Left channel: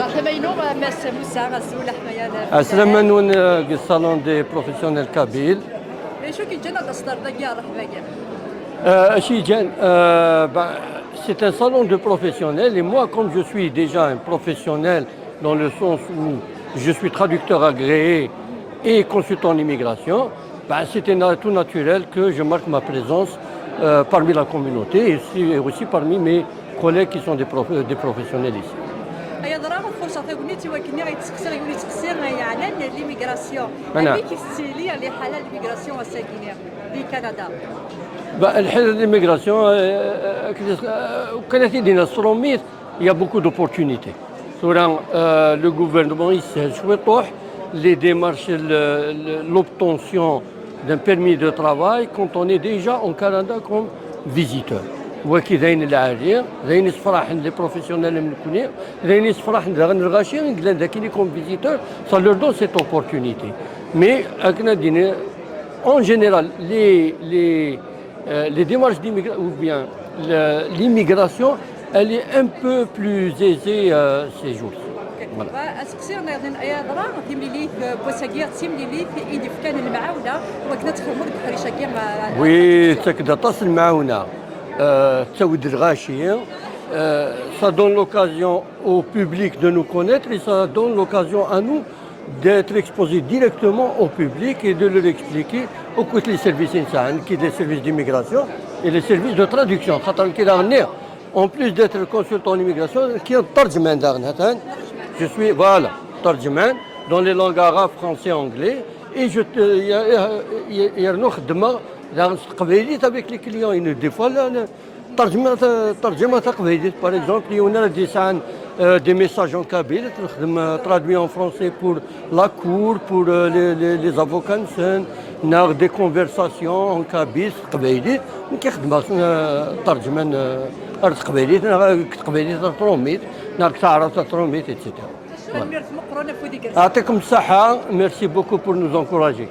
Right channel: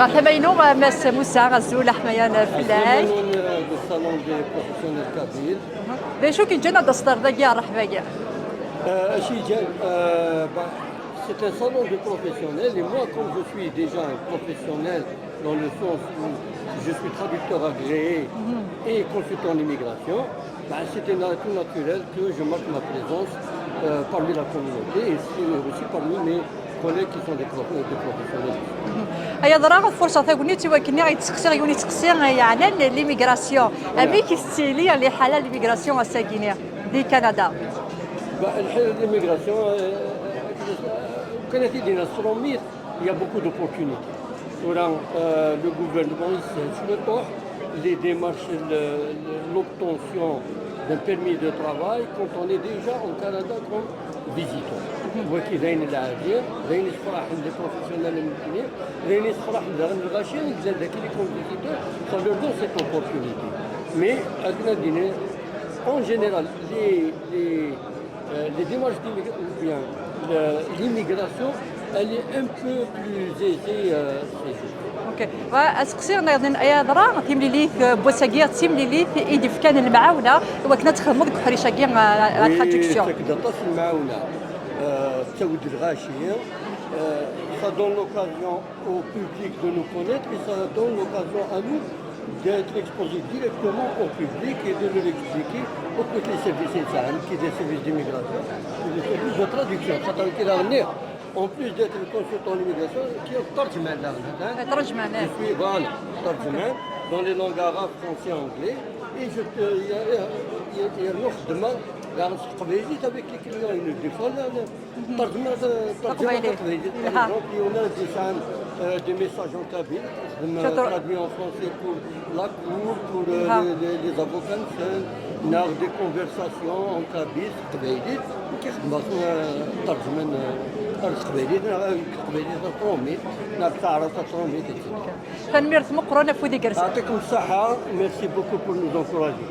غتبينوا ماس موسى غزول حمايا السلام نون الصالون دي بروفيسيونيل كابيل. شو كي جانا دستر داكيا رحمايا Chez Jen, c'est un salon de professionnels et moi, comme je suis déjà un professionnel dans le sens où je suis traducteur agréé et consultant en immigration, c'était tout naturel que je marque ma présence parmi la communauté et aussi parmi mes collègues qui sont des professionnels ici. هي ضرا فرصه ثاني تيوكني غيتسقسي غيولي تسقسي يعني ليميغراسيون ابي كيستيلي اللي حاله ليميغراسيون الساكنه دي كندا الحاله ليميغراسيون كانت يدينا الصروميت il y a beaucoup d'opportunités. Le gouvernement il souhaite les démarches l'obtention d'un permis de travail quand on est déjà en Canada comme visiteur. وكي ذاين العالية ذاين يصفرح عند لي بروفيسيونيل المكونين ذاين يصفرح عند الغاشي نقدر ذاك اللي كوم فيزيتور ça leur donne cette opportunité. Mais اكنا دينا en général les démarches d'immigration ou bien l'immigration elle est un peu plus aisée ces jours. اسقسي يا ضرا تيملي ليه بوساكيا تيملي ليه ايدي في كان المعاونه وكنا تخدموا ديك الحريشه كي وي تكدا تصل المعاونه تسود الغاشيه. Ça donne l'occasion au public de nous connaître et ça donne l'occasion à nous d'être exposés directement au public et de leur expliquer pourquoi les services qui des services d'immigration et les services de traduction. En plus d'être consultant en immigration, qui est tarjuman je suis voilà, tarjuman dans les langues arabes, français, anglais et je avec les clients des fois ترجمة تقليدية par exemple il y en a des messages en kabyle traduits en français pour la cour pour les avocats des conversations en kabyle تقليدي كيخدم ترجمان تقليدي تروميت تعرف تروميت etc. يعطيكم الصحة يعطيكم الصحة merci beaucoup pour nous encourager.